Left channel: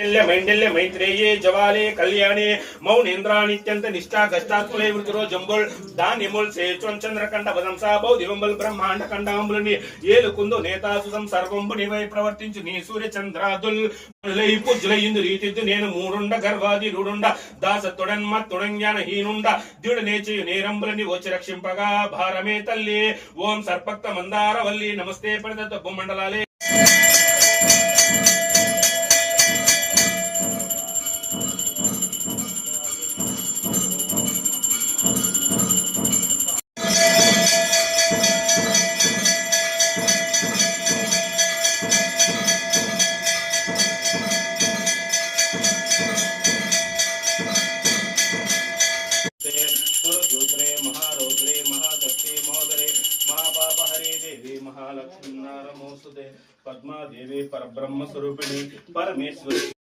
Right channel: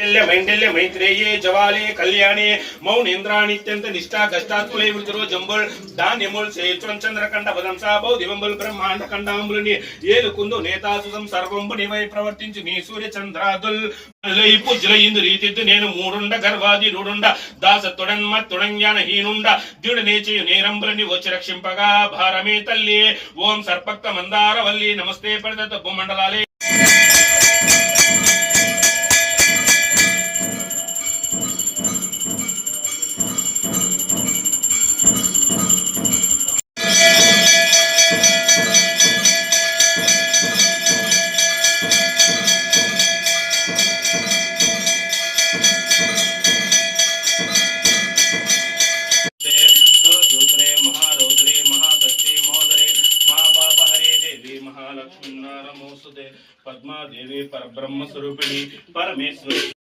मैंडल्य मैत्रेये जवाले कल्याणे मौनेन्द्रानित्यंत निष्ठा गष्टात्कुले वृतिरो जंबुल धान्यमुल सेचुन चंद्रकंड वदंसा बौदिवंबुल ब्रह्मांड कंडांबुलनि ఏలుకుందు నేతాసుసం సర్వంబు నివై ప్రవర్తించు నీ సూర్య చంద్రాదుల్ లై పుజ్ల ఇందు రీతిద్దు నేను మూడుండ గర్వాది రూడుండ దాసత్తుడన్మ తుడంజ్ఞాన హీనుండ ద్యుడు నేచయు నేరంబులని వచ్చి రక్షింపగా భారమే తల్లి ఓం సర్పక్త మందార వల్లి నమస్తే పడత భూమండలాలే पद्मा देवी परब्रह्म स्वरूपिणी परमेश्वरी